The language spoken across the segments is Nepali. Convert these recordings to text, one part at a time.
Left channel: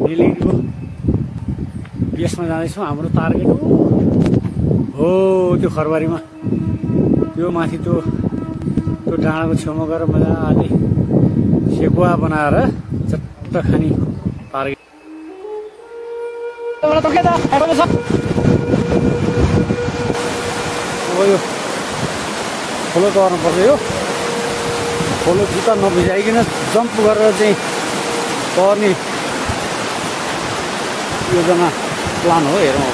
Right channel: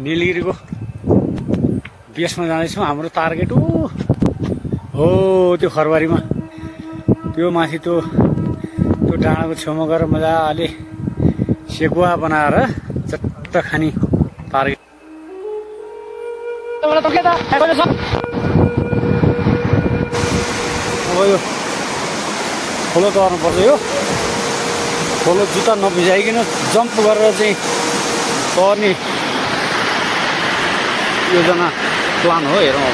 निलगिरीको बेसमा जाँदैछौँ। हाम्रो टार्गेट हो त्यो खरबारीमा, त्यो माथि त्यो डाँडाको छेउमा गएर मजाले सेकुवा बनाएर चट्ट खाने टार्गेट। अब यो खोलो तर्नुपर्छ। यो खोलो जुत्ता नभिजाइकन जम्प गरेर चाहिँ तर्ने योजना प्लान हो। हेरौँ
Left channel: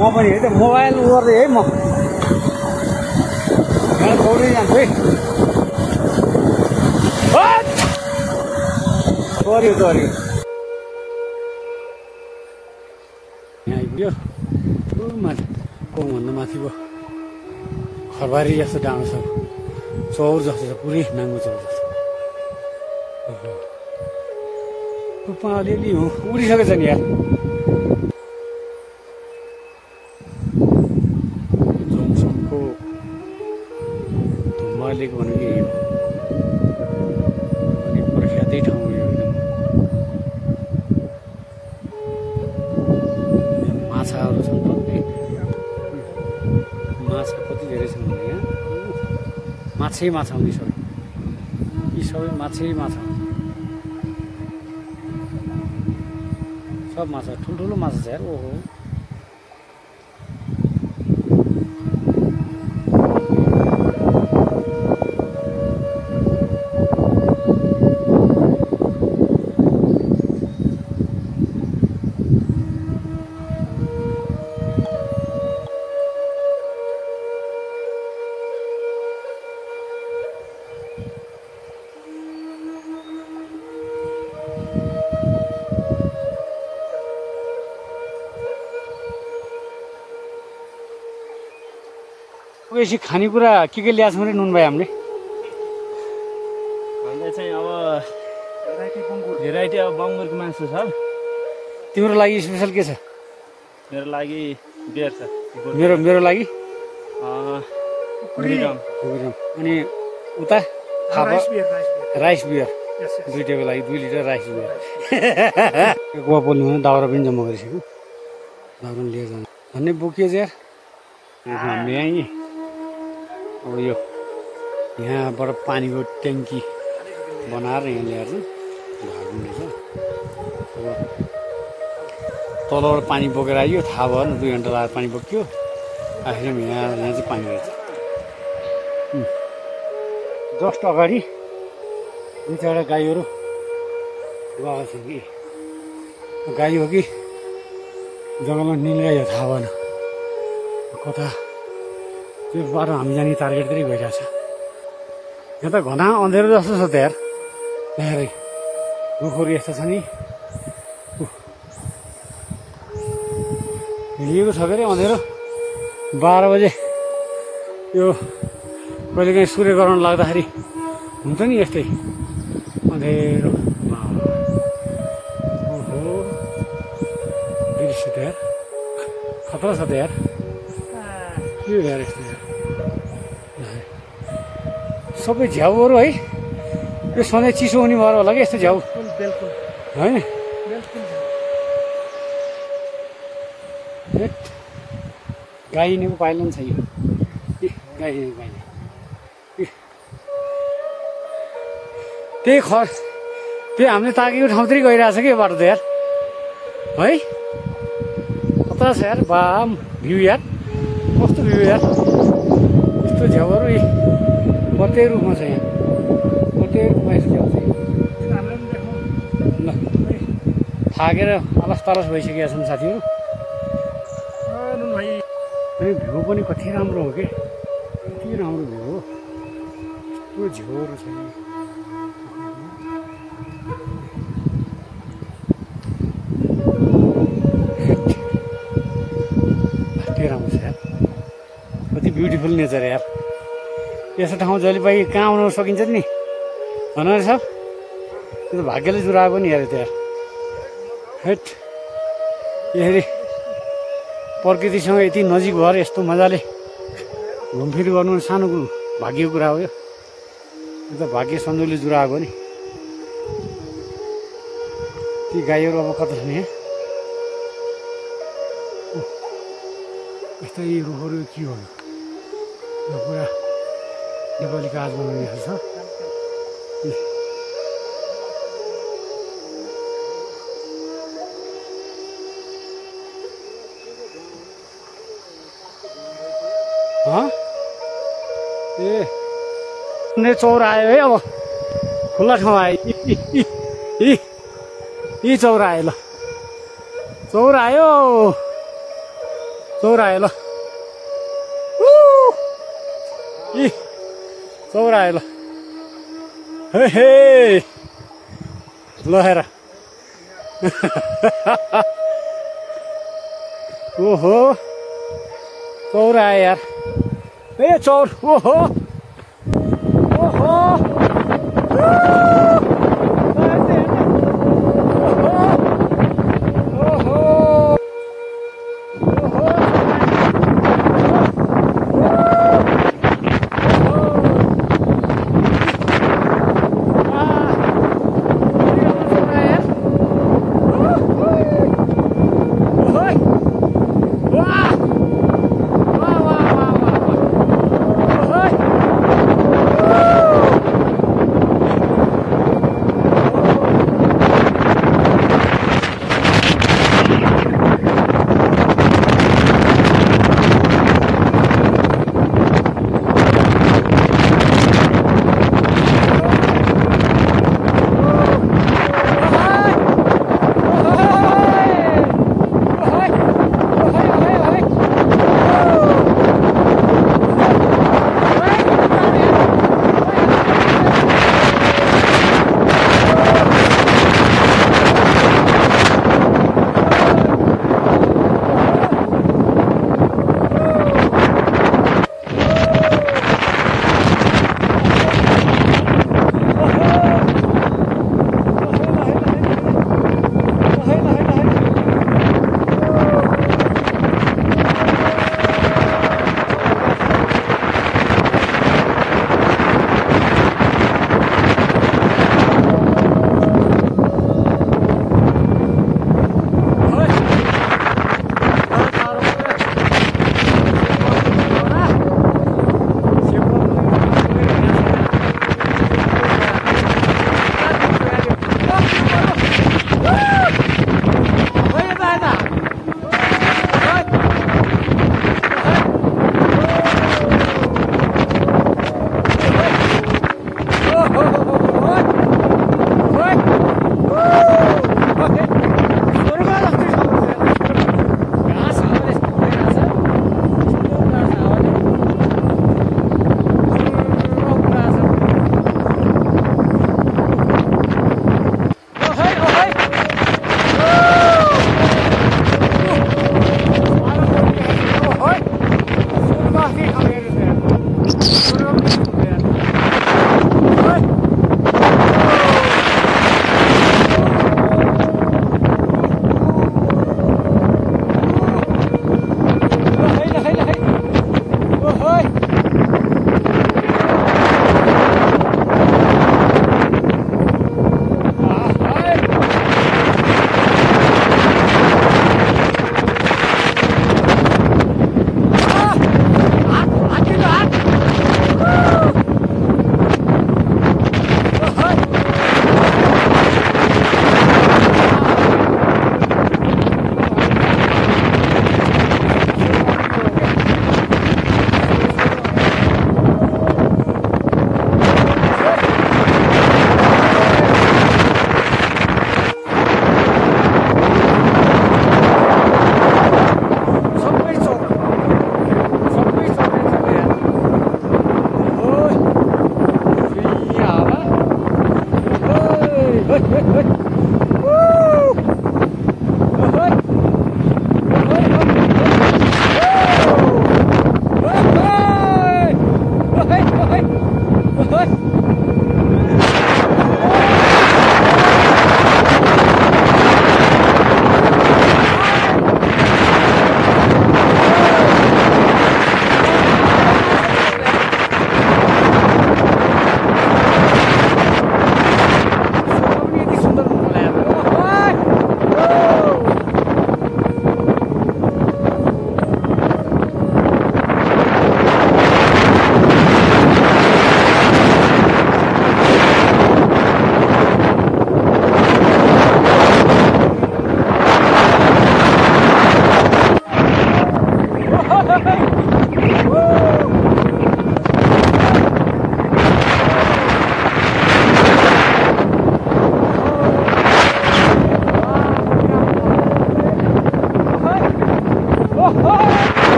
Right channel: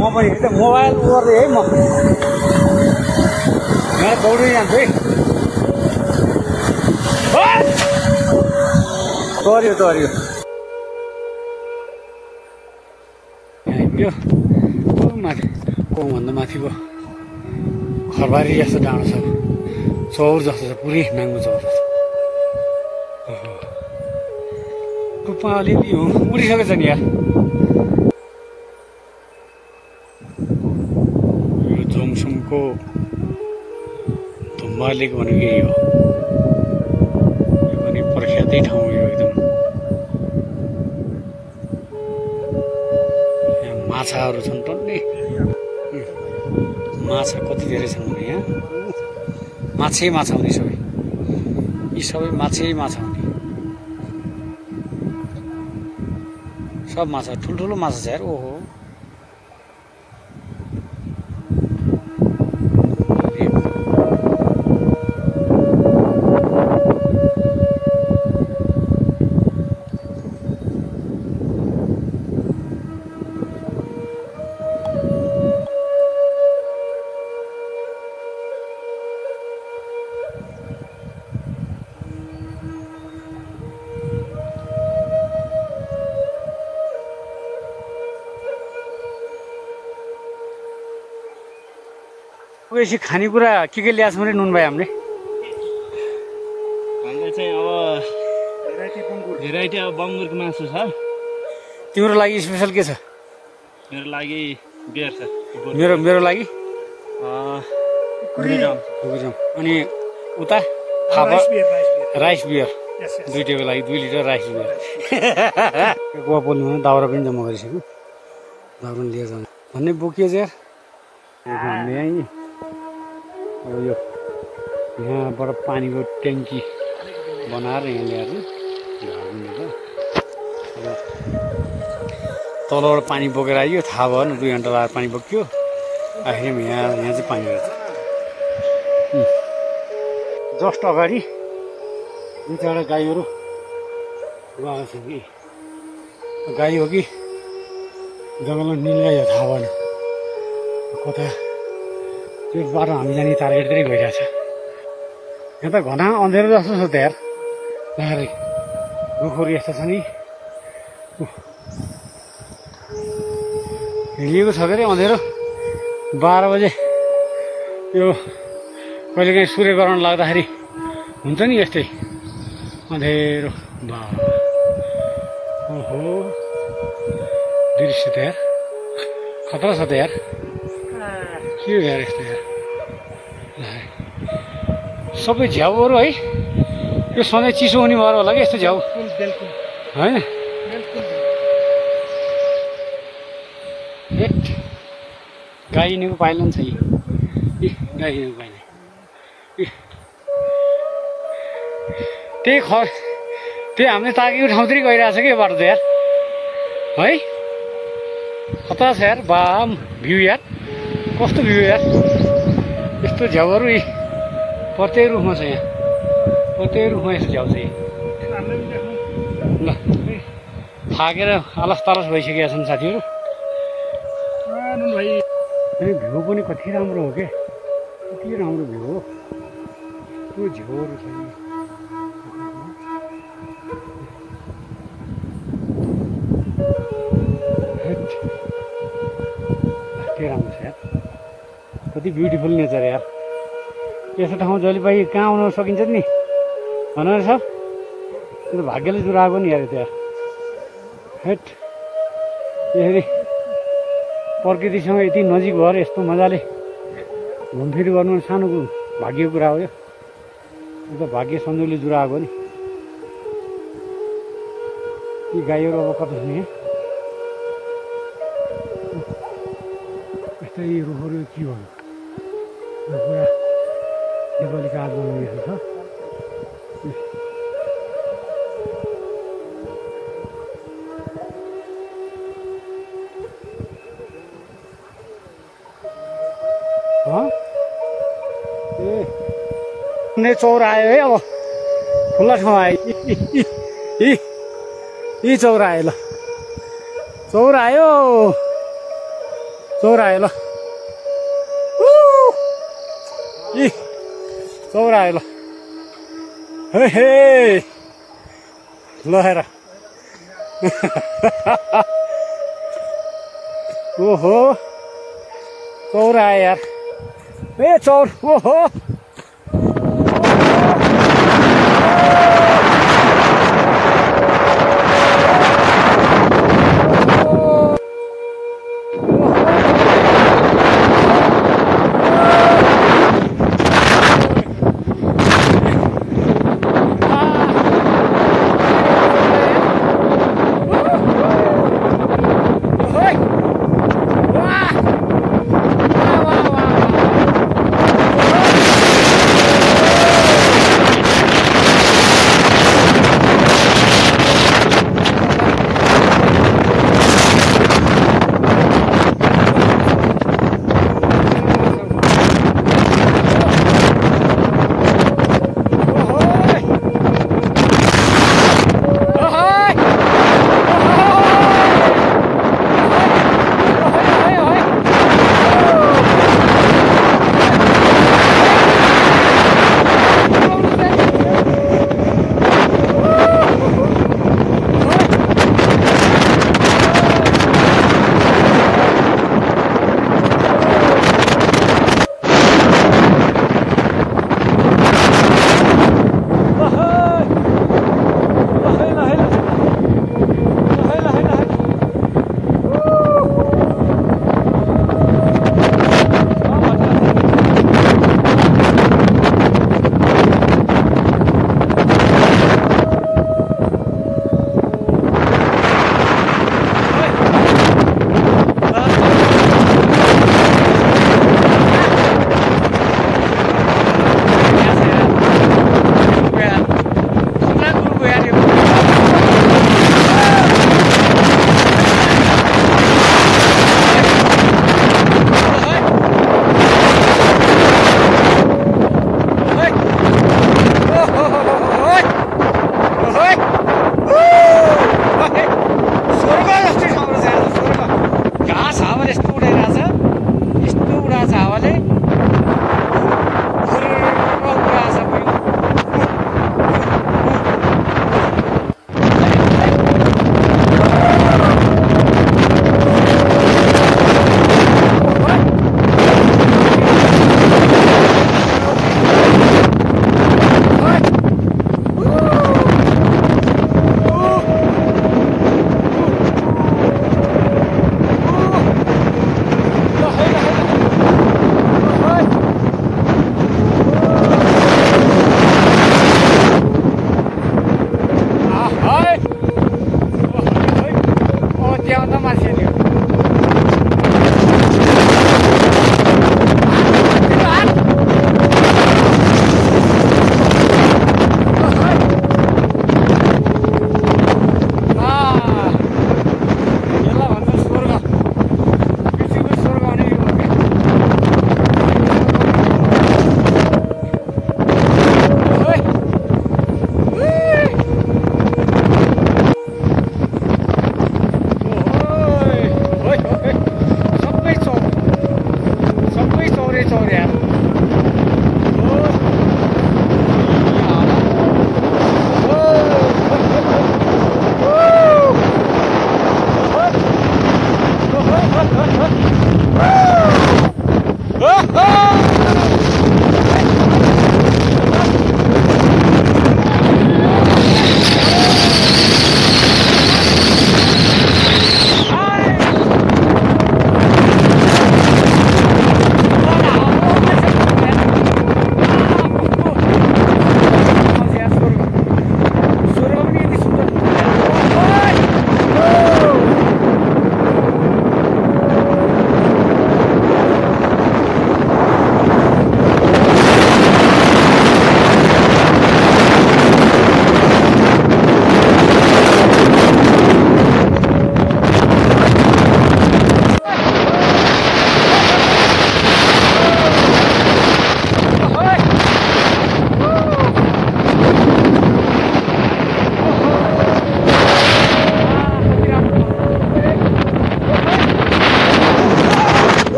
म पनि है त मोबाइल गर्दै है, म यहाँ दौडी जान्छु है। तर्यो तर्यो यहाँ आइपुग्यो। माथि कोभन्दा माथिको खरबारी जस्तो डाँडो छ, चौर जस्तो छ, पुरै नाङ्गो चौर जस्तो। टुप्पा अलिअलि उडिसकेछ नि यार। यो जोङसोङको धुम्बा लेक भनेको यही हो। यो पनि प्रख्यातै ठाउँ हो यो एकदम। यहाँ माछाहरू छन् टन्नै। माछा कति धेरै छन् भने यहाँ माछै माछा हुने सबै, यी सबै माछै माछा हुने। सब माछा, ठुल्ठुलो माछा छ यार। ओहो यसरी खानेकुरा के ल्याएको छौँ रे नुन भाइ हामीले? हामीले चाहिँ अब भेराइटी अब बङ्गुरको मासु छ। तिम्रो लागि स्पेसल के छ? मेरो लागि बियर छ। मेरो लागि फ्रिडम। अनि उता राइस बियर दुइटैको लागि 2 लिटर राइस बियर। गोवा पोल्नुमा दाउरा पनि जम्मा गरिसक्यो, दाउरा लिएर जानु भन्ने बोकियो यार हामीले यहीँ। अब यो यहाँबाट पानीको ट्याङ्की बनाएर यहाँ ल्याएर ढाल्नु छ। तलबाट पानी बोकेर आइयो, थाहा भएन 2 घन्टा लागेर पानी बोक्यो। आखिरमा यहाँ चाहिँ पानी रहेछ। जस्ट अगाडि 2-4 गाईहरू गएको छ कि गाई हो कि जङ्गलमा निलगाई हो थाहा भएन। कता त्यो बाटो हामी जाने टार्गेटतिरै गइरहेछ। यहाँ त घना अँधेरो जस्तो छ त यार। यहाँ रुखहरू यस्तो छ नि, हिँडिएको छ के अरे अँधेरो। 12 बजे यो कहिलेकाहीँ सूर्यग्रहण लाग्दाखेरि हुन्छ नि यस्तै अँधेरो। ओहो दृश्य त यार खतरा छ त यार। के हो यार यस्तो यार, सबै झ्याउहरू है। यो सधैँ चिसो हुने भएर होला कि यस्तो झ्याउ होइन? गाई हिँडेको पाइला नि छ यी, गाई हिँडेको पाइला। त्यही हामीले ताकेको ठाउँतिर गइरहेछ कि यो बाटो त यार है। खतरा छ यार। बाम भ्यू यार, कस्तो भ्यू यार। यस्तो झ्याउहरू प्रत्येक रुखमा छ। यहाँ प्रत्येक रुखमा यस्तो झ्याउ छ। ल थाकेर आलस तालस भइसकेका छन् साथीहरू। अनि भ्यू पनि कति राम्रो हो क्या, कति राम्रो भ्यू हो। यस्तो झ्याउहरू छ नि। कति राम्रो छ यार, कति ब्युटिफुल नेचर यार। यस्तो ठाउँ जहिले पनि कहाँ आउन सकिन्छ नि भन सब। त्यो भाग्यले जुराएको नि यार त्यो यार। हेट यसरी प्रकृतिसँग यति नजिक भएर यस्तो मजाले घुमफिर गर्नु सानो भाग्यको कुरा हो यो त भाग्य सन्जोगले जुराएको नि ती गाईहरू अब कता छन् यहाँ यस्तै रुखहरू के हो यो पुरा नेपाली काज बनाउने छ ए चौरा आयो है अब खुल्ला ठाउँ आयो यी चौरा आयो ल चौरा आयो ल यी चौरा आयो ल हे ल हेर ओहो चौरा आयो यार ए चौर ओहो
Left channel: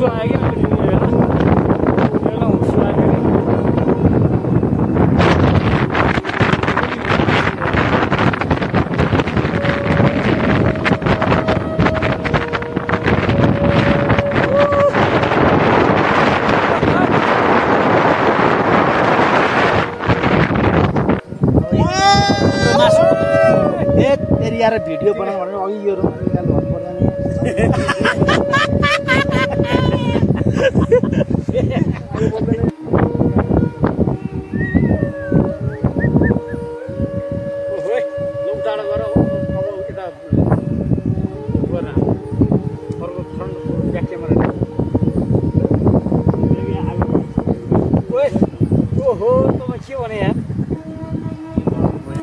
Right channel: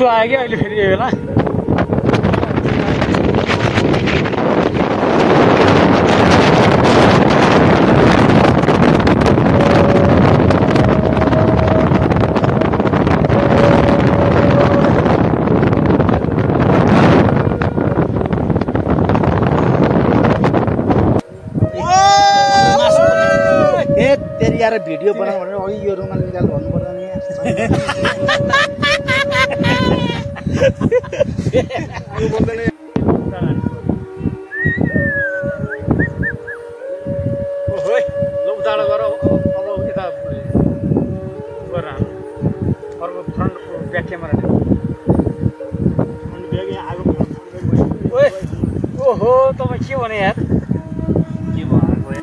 हुस्सु आयो क्या अहिले फेरि बेला यार भिडियो बनाऊ भने अघि यो रुमाल निकाल भन्नु पर्दैन ओहोइ लौ टाढो गर अब यता गर अर्को फ्रन्टको ब्याक क्यामेरा ओए ओहो तपाईँ के भने यार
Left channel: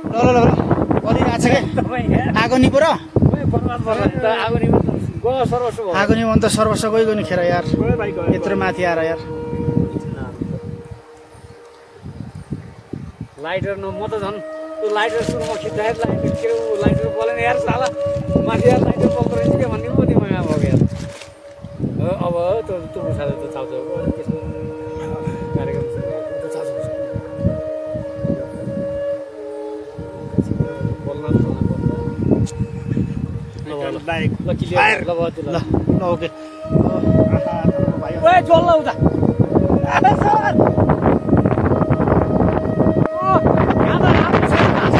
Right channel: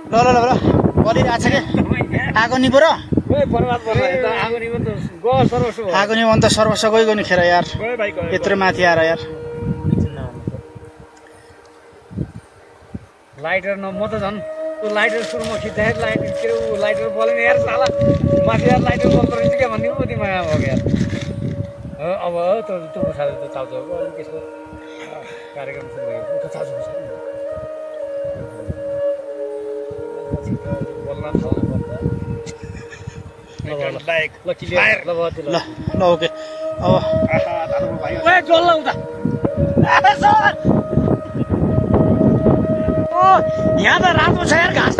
ल ल ल कति आएको छ कि आगो निपो र आगो नि भने त सर्वस्व गइगयो नि खेर यार यत्रो माथि आएर यार लाइटर न म त झन् त्यो लाइटर सुरुमा खिच्दाखेरि लाइटर बोलेन यार साला माथि यार लाइटर बोल्दो रहेछ क्या भन्ने कति माया भयो यार अब त्यो उठाएर त चाउचाउ त्यस्तो कार्यक्रम ल ओके यहाँ त राम्रो छ यार घाँस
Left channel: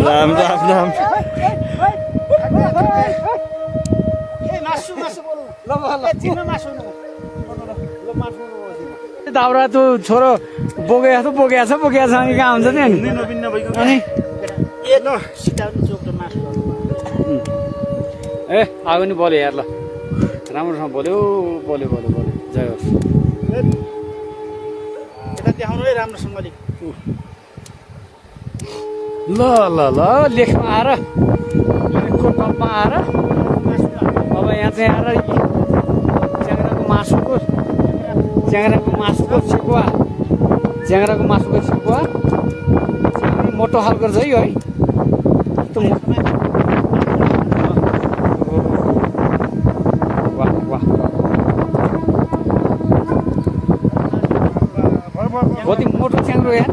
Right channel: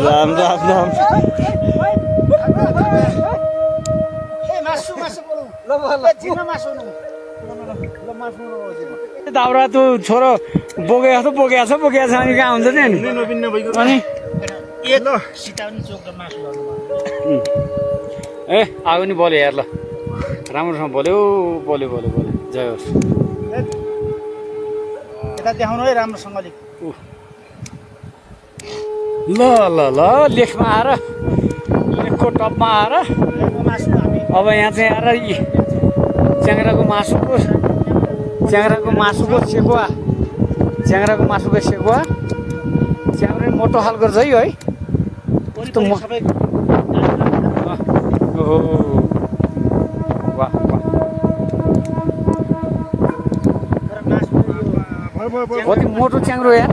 राम राम राम दाउरा त्यो छोरो बोकेको छ अनि कहाँ हुन्छ नि अनि ए आगो नि बोल्यो यार ल राम्रोसँग बोल्यो जय होस् यता देखाउनु है राम्रोसँगले ल ल ल लेखमा आएर लेखको टपमा आएर अब यहाँ चाहिँ आएर च्याङ्राको सेकुवा च्याङ्रा मोटो खालको रहेछ है कस्तो वाह वाह कति मोटो च्याङ्रो यार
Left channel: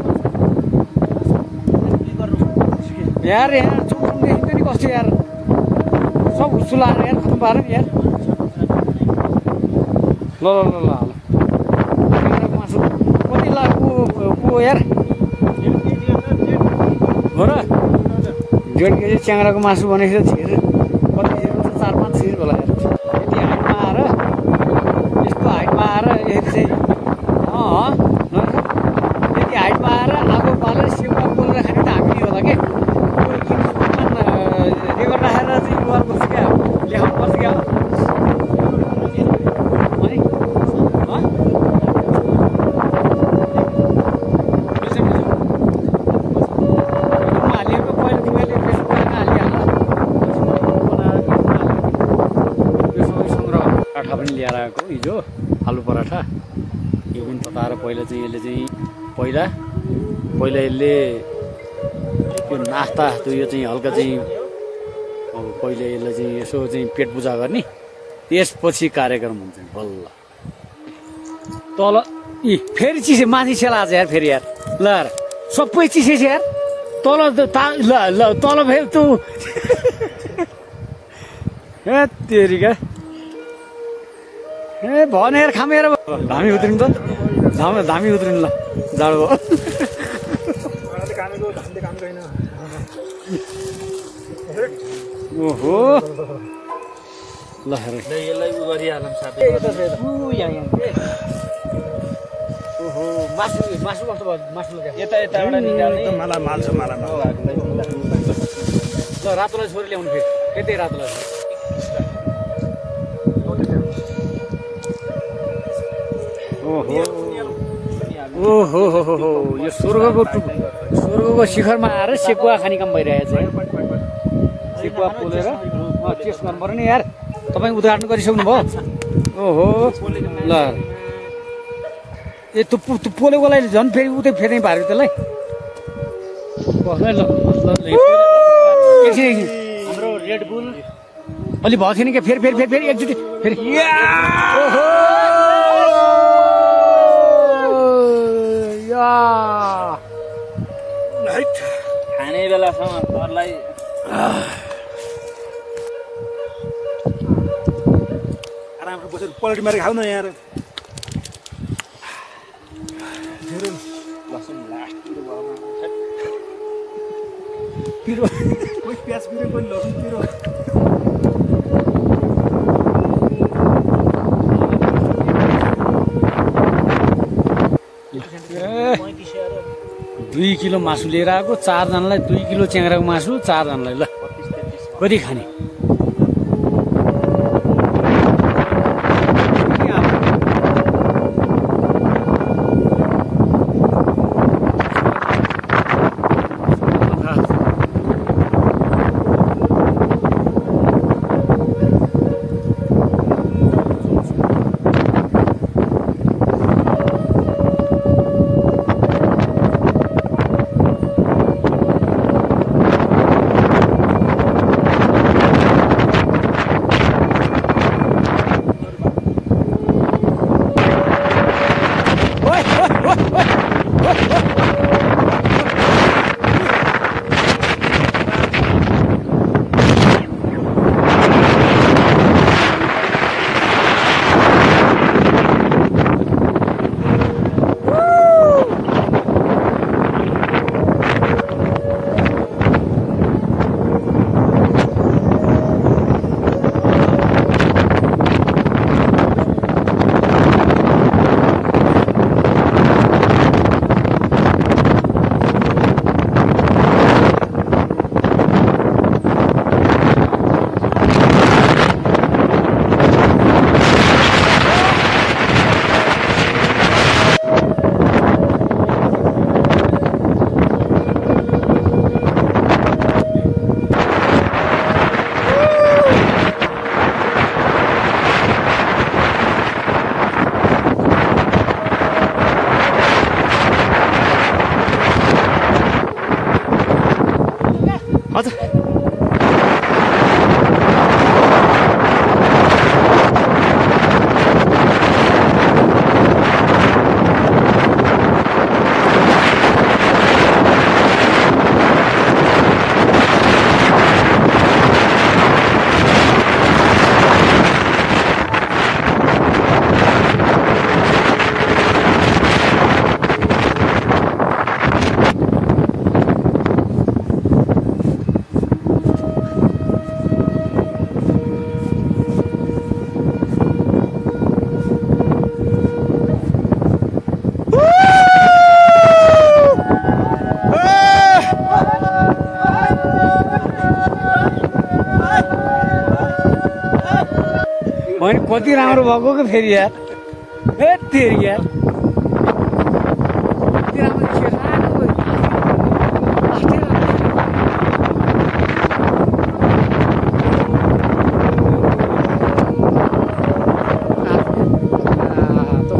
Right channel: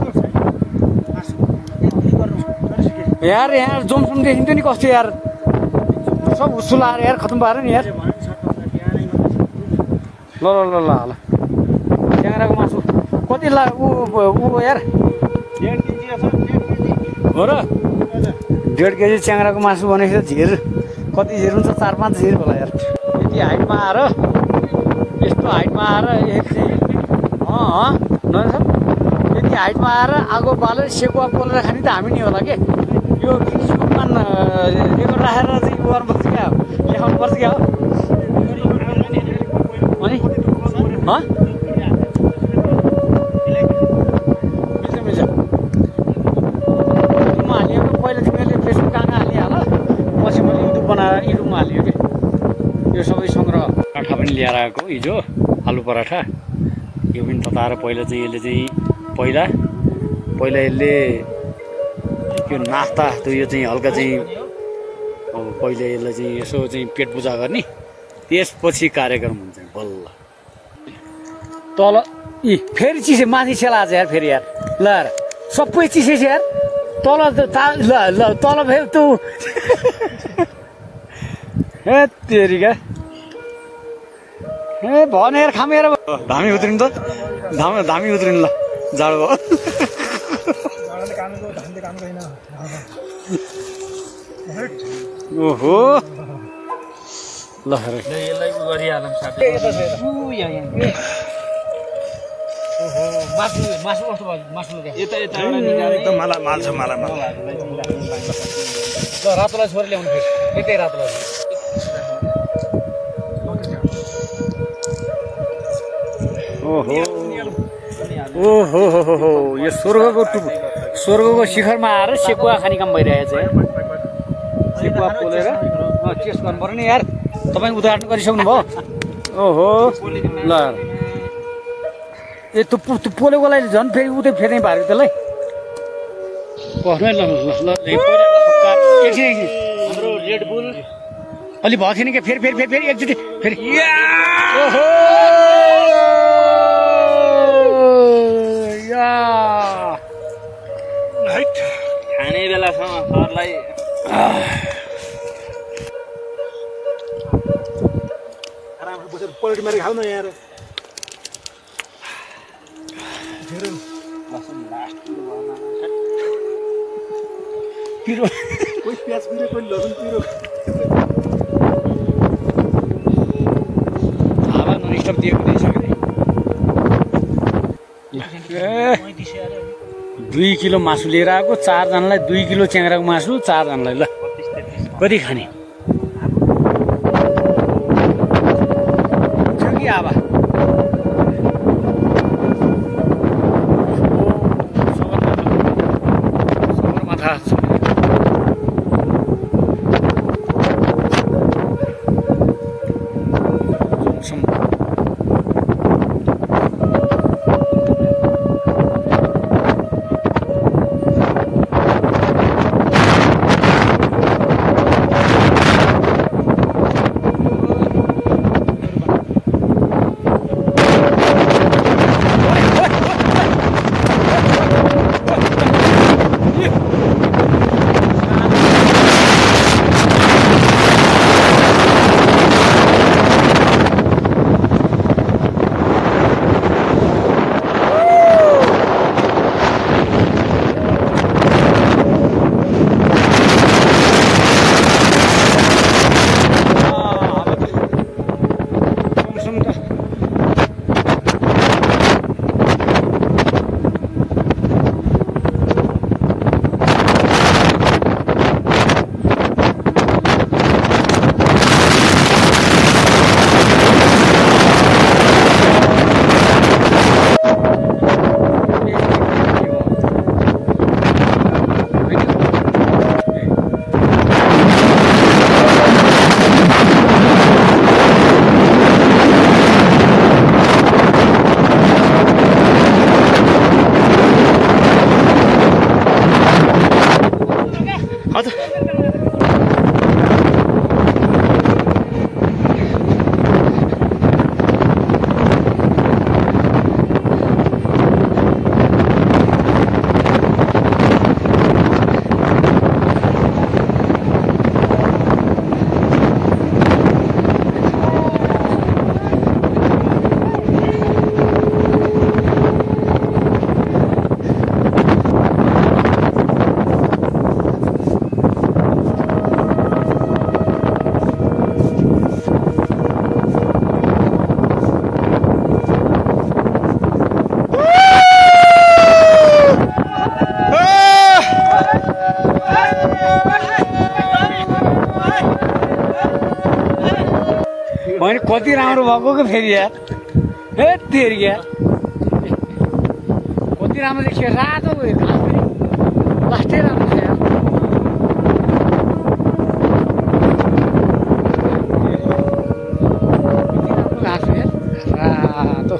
यहाँ जोमसोम देखिन्थ्यो नि कस्तो यार सब हुस्सु लाएर यार खतम पाएर नि यार ल च्याङ्राको मासु कति ऊ यार हो र 1.5 केजी च्याङ्राको मासु भनेको झिर कति झिर हुन्छ 4-5 झिर होला यार यति हाइटमा आएर यस्तो हाइटमा आएर यति हाइटमा आएर आगो बालेर सेकुवा पोलेर खाने त हामी नि होला के यो किन रेकर्ड राखेर चाहिँ गर्नुपर्छ क्या लेखाउनुपर्छ क्या अनि मिल्छ युट्युबमा हालिएको पहिला तिमीहरूले फेसबुक कहाँ हालिहाल पछि मैले युट्युब बनाएर युट्युबमा हालिएको कि यो सबै सङ्ग्रह पराठा पनि ल्याएर आएको हिजो आलु पराठा यो पनि तताएर पहिला चाहिँ यसले चाहिँ पहिला यसले यो नास्ता त्यो यो चाहिँ हल्का चाहिँ अब पहिले यसलाई चाहिँ यसो चाहिँ पेट पूजा गर्ने त्यसपछि कार्यक्रम हुन्छ बल्ल तल फेरि चिसे माथि सेला आज यार फेरि यार ल यार सबै चिसेछ यार तल ल तल फेरि तँ ए तेरिका ए भनेर खामेर धामी उत्रिनु त धामी उत्रिनु ल जाडो भयो ओहो ल यसलाई उ गरिहालौँ साथै ओहो मासु कस्तो भयो मासु यता निकाल्ने मलाई माल छ मलाई ल रातोलाई छोरी ल्याउनु फेरि यतै रातोलाई ओहो ओहो हो यो स्वर्गको शिखरमा आएर सेकुवा खाने काम भइरहेको छ सेकुवा पोलेर टेस्ट गर्नु पर्यो नि यार तपाईँ उद्घाटन गरिसक्नु भयो ओहो ल ए त्यो पोलेको लागि झन् फेरि उतै फेर्नै पाऱ्यो त्यसलाई एकछिन हाम्रो रेड बुल अलि भएको थिएन क्या फेरि एकचोटि फेरि ओहो खाने बेलासम्म घरलाई आरामले बसेर पल्टी मारेर खाऊ न यार पिरो कोही प्याज पिरो पनि लसुन पिरो दुई किलो मासु लिएर आएको 4 जनालाई 2 किलो च्याङ्राको मासु 4 जनालाई ल कति खाने होइन कति राम्रो भएको क्या फेरि यार ए तेरि यार कति राम्रो देखियो रातो लास्टै राम्रो थियो रातो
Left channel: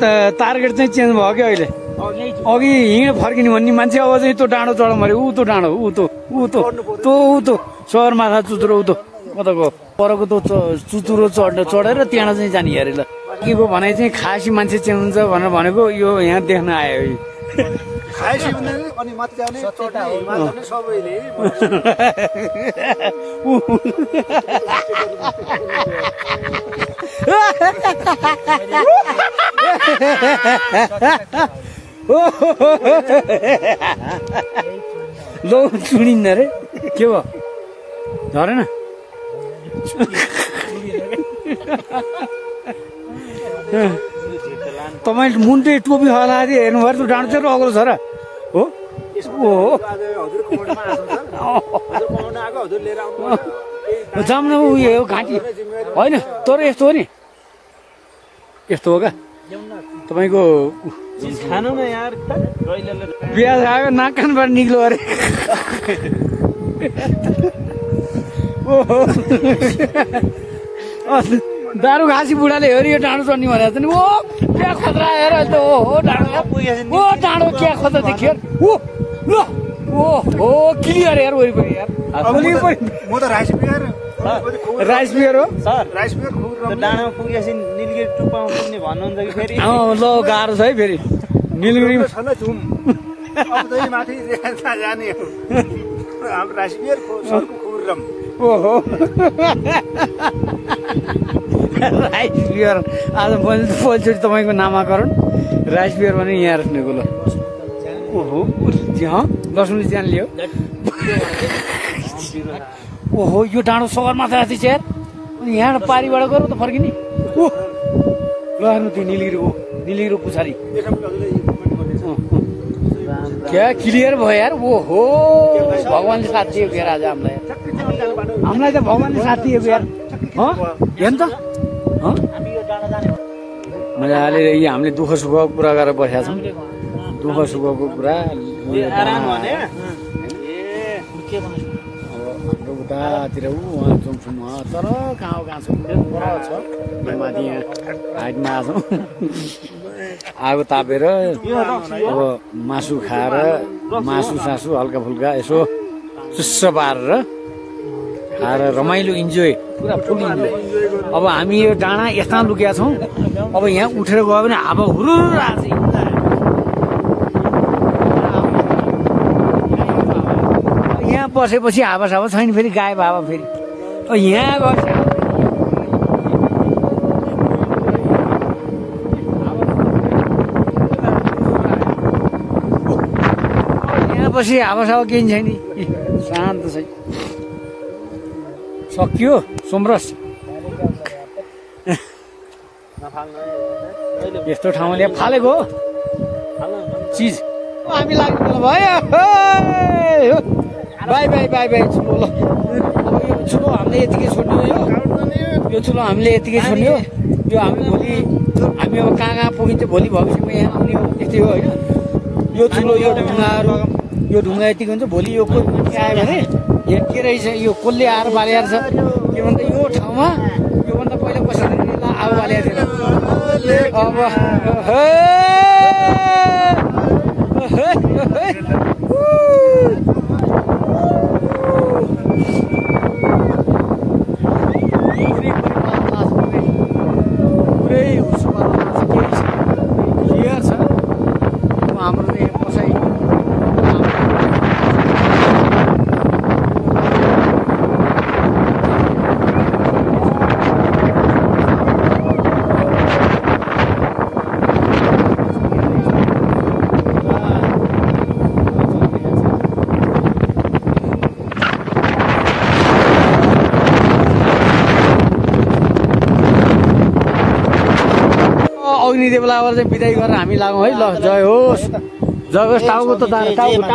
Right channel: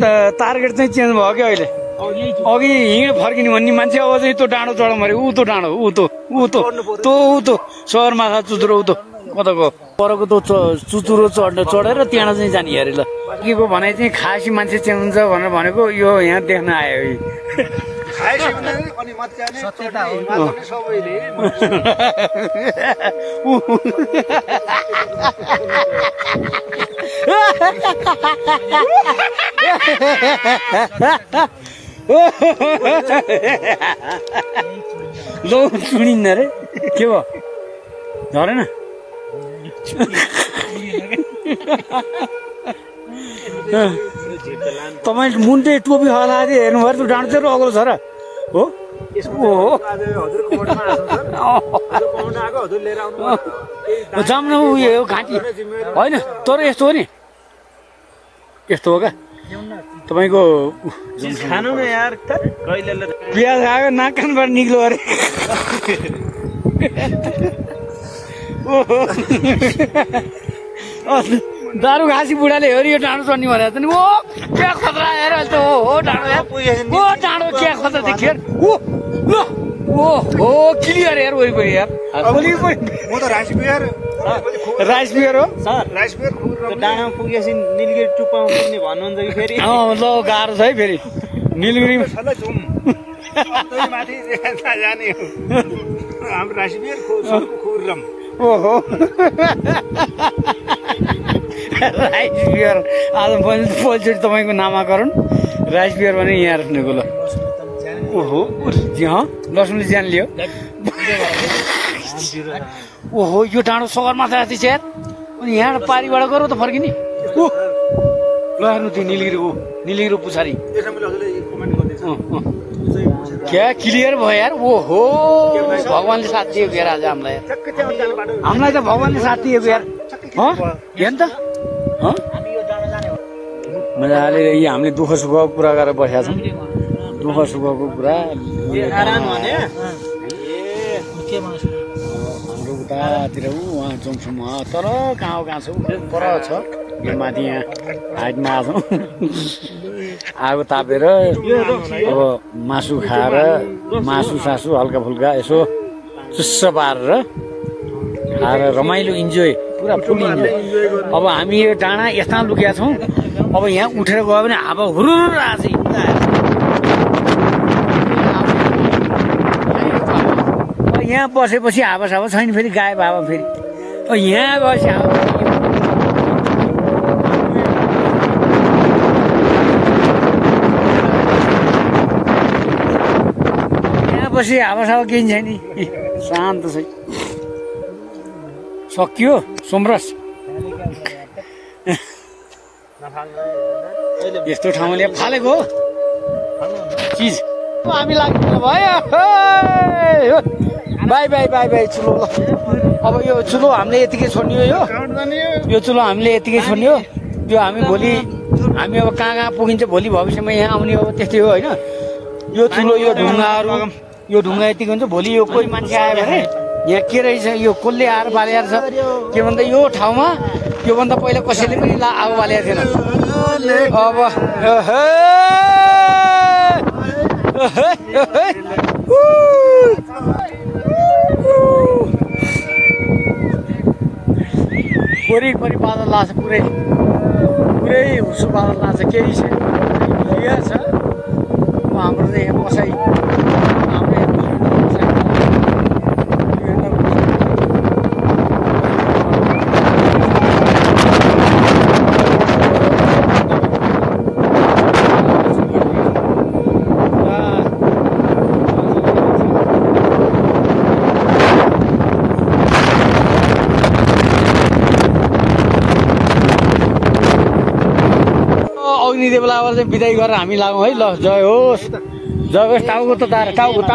टार्गेट चाहिँ चेन्ज भयो क्या अहिले अघि हिँड फर्किने भन्ने मान्छे अब चाहिँ त्यो डाँडो चढ मऱ्यो ऊ त्यो डाँडो ऊ त्यो सहर माथा चुचुरो ऊ त्यो कताको परको त्यो चुचुरो चढेर त्यहाँ चाहिँ जाने अरे ल के को भनाइ चाहिँ खासी मान्छे चाहिँ हुन्छ भनेर भनेको यो यहाँ देख्न आयो लो सुनिन्न रे के भयो झरेन तपाईँ मुन्टे टोपी हला हेर्नुभयो त्यो डाँडो चाहिँ अग्लो छ र हो जाम न उयो घाँटी होइन तर यस्तो हो नि यस्तो हो क्या तपाईँको खानु न यार प्याज आएको नाक कानबाट निक्लो अरे दारू घाँसी बुढाले हेऱ्यो यो डाँडो चढ्ने भनेर त नि ओ क्या खतरा हेर त हो डाँडो ओ डाँडो क्या खतरा देखियो ओ ल ओ हो क्लियर यार वरिपरि यार म त राइस बियर हो सर राइस बियर डाँडोमा पुगेपछि निलगिरी टुप्पामा पुग्ने भन्नुहुन्छ कि फेरि ल गाह्रो छ है फेरि निलगिरी माथि जाने हाम्रो राइस बियर खुर्रम ओहो राइस बियर आज पहिलोचोटि तपाईँको नामाकरण राइस बियर भने यहाँ राख्नेको ल ओहो लसुनले ज्यान लियो ओहो यो डाँडो सगरमाथा जति छ यार अनि यहाँ पारीबाट गरौँ त फर्किने ओ ल हेर्नु त्यो निलगिरी पुछारी क्या क्लियर भयो यार ओहो भगवान्ले साथ दिएको यार आज हामीलाई त भगवान्ले साथ दिएको यार हेर्नु त मजाले हामीले दुःख सुखको कुरा गरेर बसेका छौँ दुःख सुखको कुरा हाम्रो उतातिर उहाँ जाउँछौँ तर कहाँ छौँ पर छ माथि यहाँ हाइटमा आछौँ आगो तापेर अब मासु खाएर मासु हल्का फुल्का यसो चुस्स पारेर खाएर रमाइलो इन्जोय पुरा फुल इन्जोय अब हामी यो डाँडा यस्ता लुकेका छौँ अब यहाँ उठेर गयो भने हावा हुरुर आछ यहाँ बसेपछि हावा सावा छैन फेरि गायब हावा फेरि यहाँ गएपछि पछि हावासावा केही छैन शान्त छ सकियो सोमरस यस्तो ठाउँमा ल्याए फालेको चिज हामी लाग्नु भयो बाई चुलो ल अब यो चुलो हामीले यतिकै छोड्ने हो यो चुलो हामीले यतिकै छोड्ने हो यो हामी भोलि हामी अब कहाँ पुगिन्छ भोलि भविष्यमा यहाँ आउने अब त्यस्तै हो होइन यो चुलो यो ढुङ्गाहरू यो ढुङ्गा यतिको हुन्छ भोलि यो कोही मान्छे आयो भने यहाँ के रहेछ यो कसले आएर बालेर छ के भन्दा यो ठाउँमा योभन्दा पहिला कसैले पनि आगो बालेको थिएन अब वरिपरि बादल लाग्छ पुरै हुसो बादल लाग्छ केही छ क्लियर छ हाम्रो चाहिँ यहाँ बसाइ अग्निदेवलाबाट चाहिँ बिदाई गरेर हामी लागौँ है ल जय होस् टाउको त तार टाउको त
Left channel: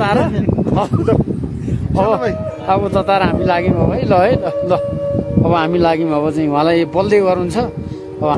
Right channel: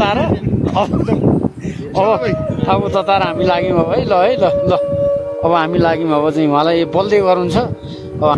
तार अब त तार हामी लाग्यौँ अब है ल अब हामी लाग्यौँ अब चाहिँ उहाँलाई बोल्दै गर्नुहुन्छ अब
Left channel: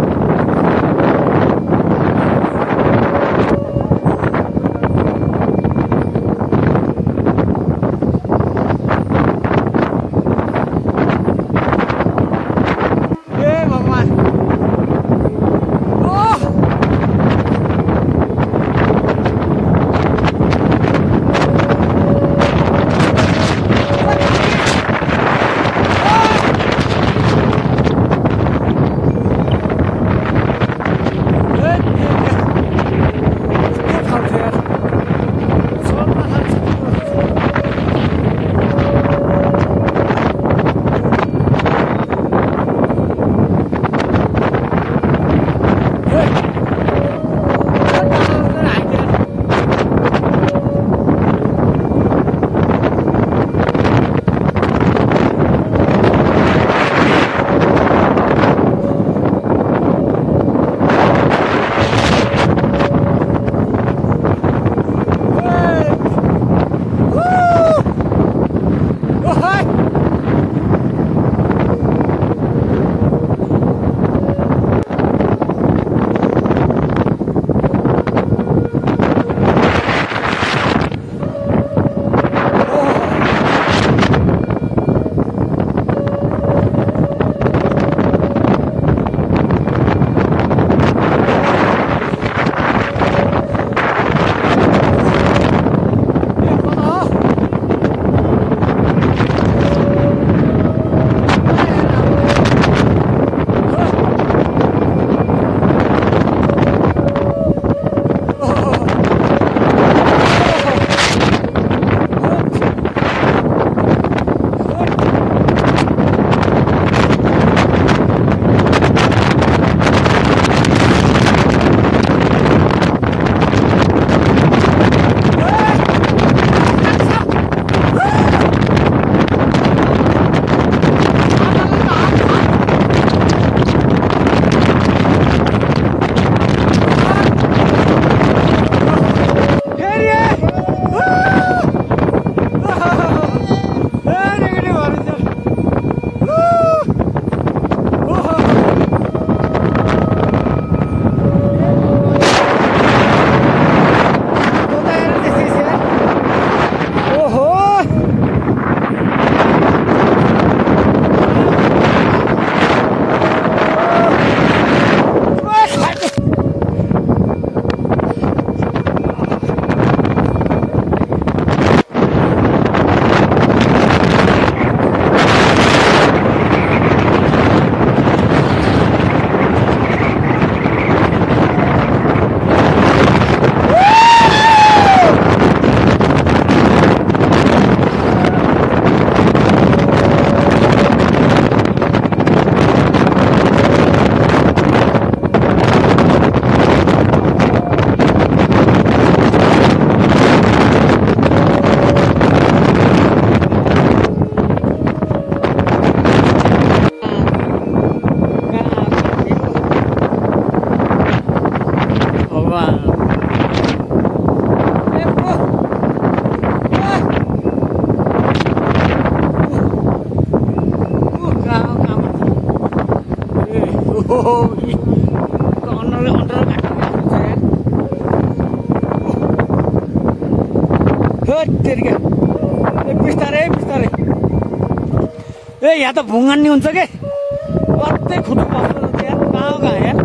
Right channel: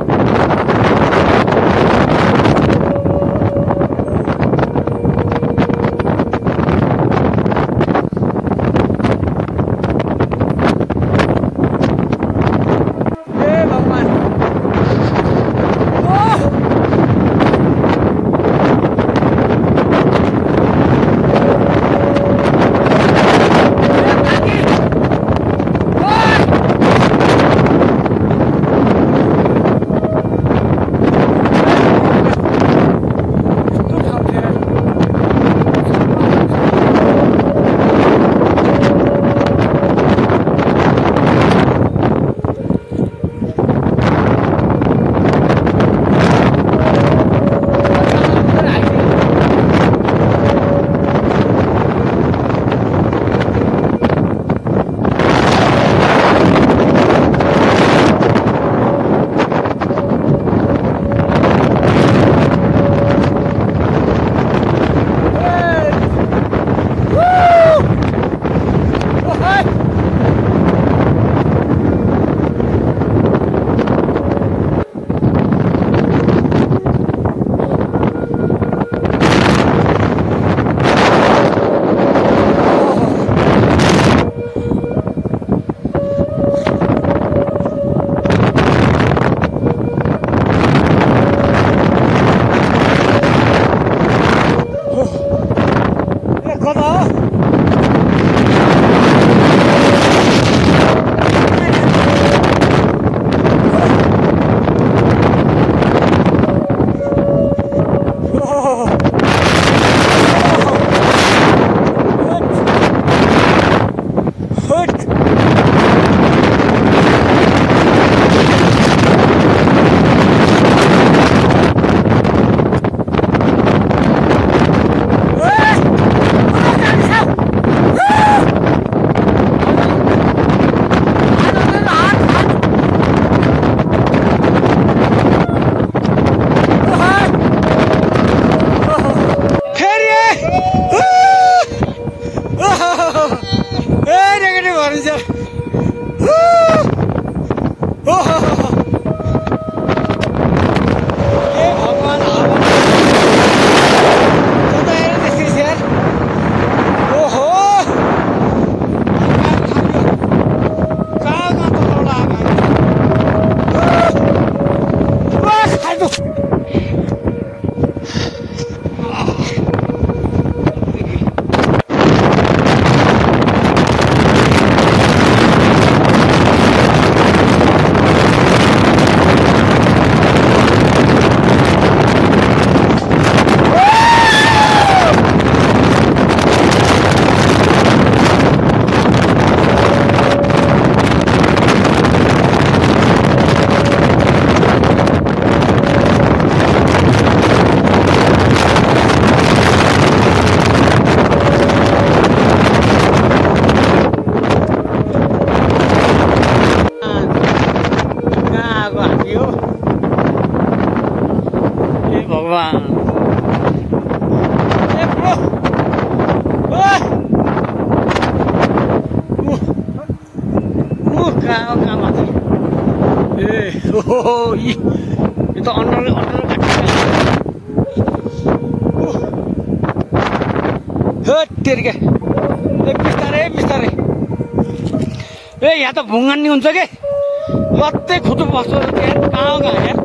के भनिन्छ भगवान् कता हेर त्यस्तै छ यार ओहो यो त अन्डर तेरिका बिस्तारै बिस्तारै यहाँ त भुङ्गानी हुन्छ के लत्तै खुट्टो बस्छ कहाँ यार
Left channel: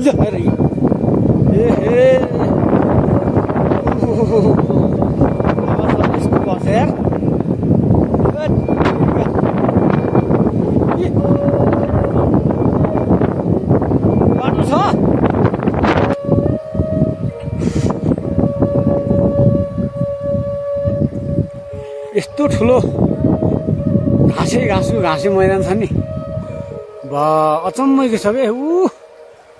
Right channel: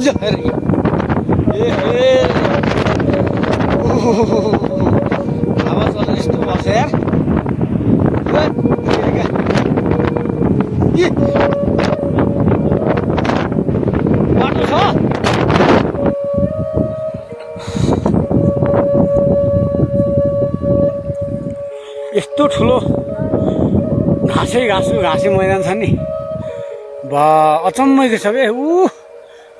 जरी आवाज यस्तो बस्छ यार बाटो छ यस्तो ठुलो घाँसे मैदान छ नि बा अचम्मैको छ के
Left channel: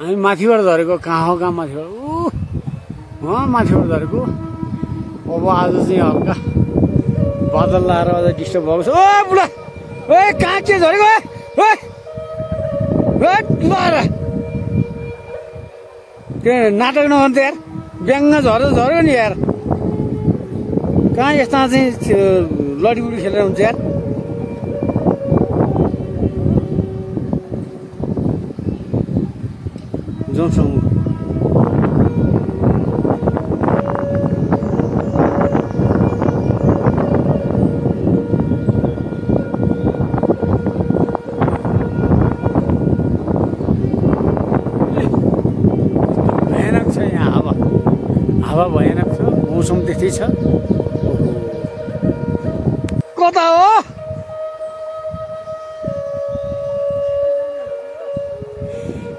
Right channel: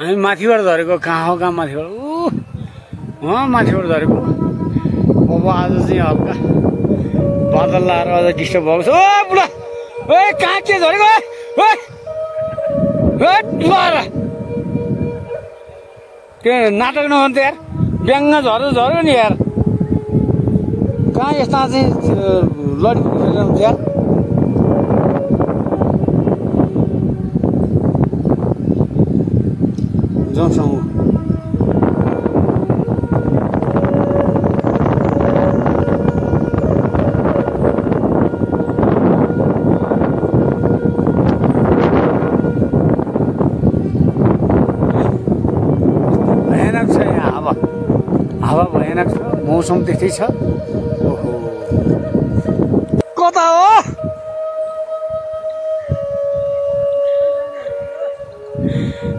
हामी माथिबाट झरेको कहाँ हो कहाँ माथिबाट माथिबाट झरेको अब आज चाहिँ हल्का बादल लाएर अझ डिस्टर्ब भएको छ ओ बुढा कहाँ के झरेको त्यो नाटक नगर्नु त यार ब्याङ्ग झर्यो नि यार कहाँ यस्ता चाहिँ लडीगुडी खेलेर हुन्छ यार जाउँछौँ भयानक छ यहाँ हावा भयानक छ मौसम त्यस्तै छ ओहो कता हो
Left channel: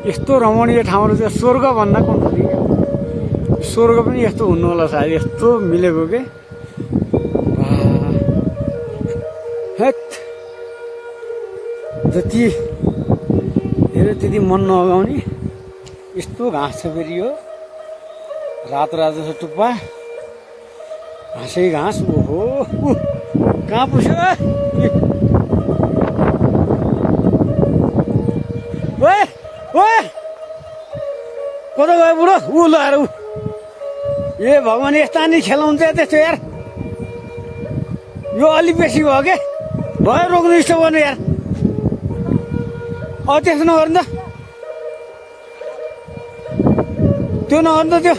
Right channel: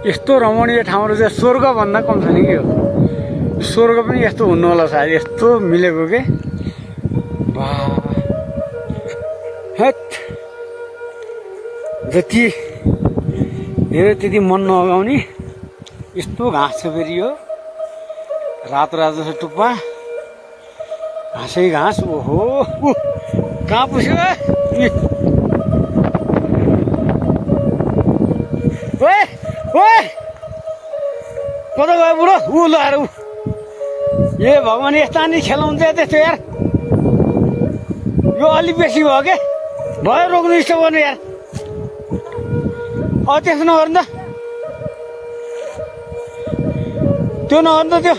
यस्तो रमणीय ठाउँहरू चाहिँ स्वर्ग भन्दा कम छ नि के हो स्वर्ग पनि यस्तो हुनु होला सायद यस्तो मिलेको के जति हेऱ्यो त्यति मन नअगाउने यस्तो घाँस छ फेरि यो रातो रातो छ टुप्पा घाँसै घाँस ओहो कहाँ पुग्यो कता गयो बुढो लाएर ए भगवान् यस्ता नि खेलाउँछ त्यस्तो यार यो अलिक बेसी भयो के भयो रोक्नु स्टप गर्नु यार त्यस्तो नगर्नु त त्यो नगर्नु त त्यो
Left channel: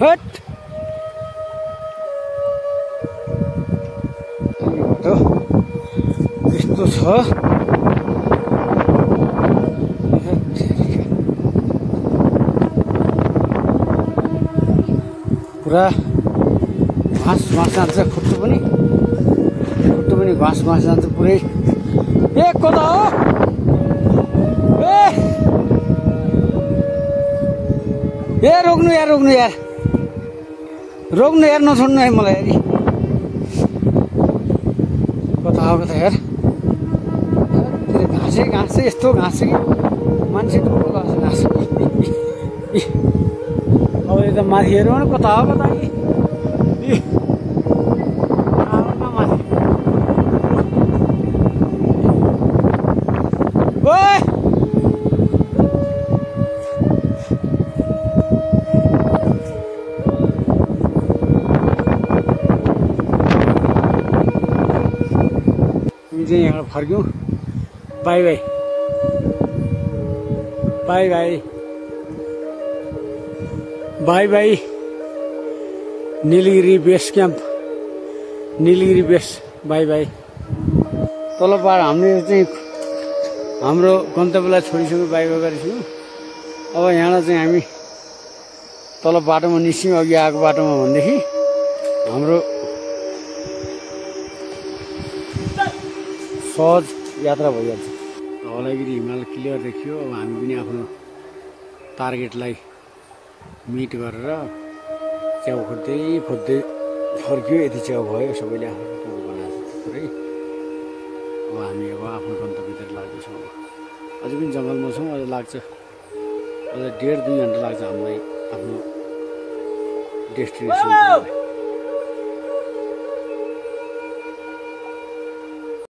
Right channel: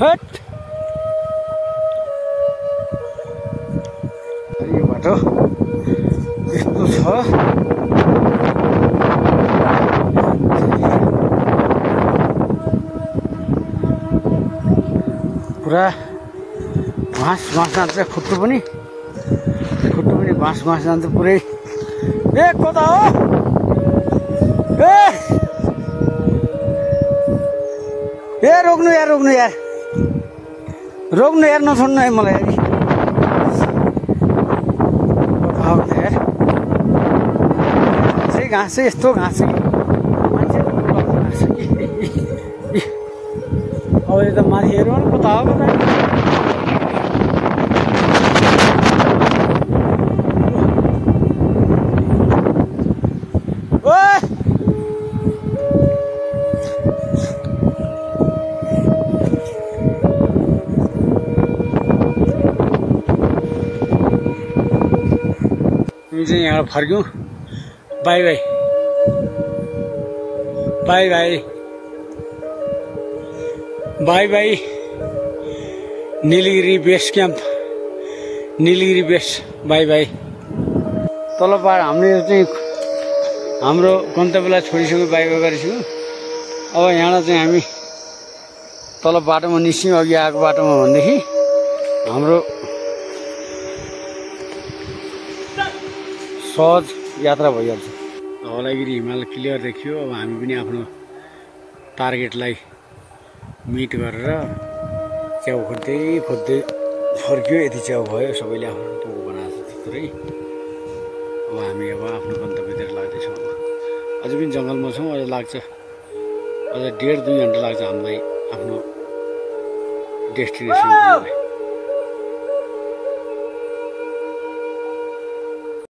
हट यो बाटो यस्तो छ पुरा घाँस जान्छ खुट्टो पनि घाँस जान्छ पुरै ए कता हो ए रोक्नु यार नछोड्नु है मलाई यार कता हो कता यार घाँस यस्तो घाँस मान्छे घाँस अब यो त माथि हेरौँ न कता हो कता हामी चाहिँ यहाँ फर्क्यौँ bye bye bye bye bye bye Nilgiri base camp Nilgiri base bye bye तल पाहाड हामीले चाहिँ हाम्रो गन्तव्यलाई छोडिसक्यो बाई बाई गरिसक्यौँ अब यहाँबाट चाहिँ हामी तल बाटोमा निस्क्यौँ अघि आएको बाटोमा भनेदेखि हाम्रो सहज यात्रा भइहाल्छ धवलागिरी हिमाल क्लियर देखियो अब हामी पनि आफ्नो टार्गेटलाई मिट गरेर च्याउ खोज्दै खोज्दै फर्क्यो यति च्याउ भयो सबैले आफ्नो पोको बनाएको छ थुप्रै अब हामी आफ्नो गन्तव्यतिर लाग्दैछौँ अब अझै पनि जङ्गलमा छौँ अझ लाग्छ अझ 1.5-2 घन्टा लाग्छ हामीलाई आफ्नो डेस्टिनेसन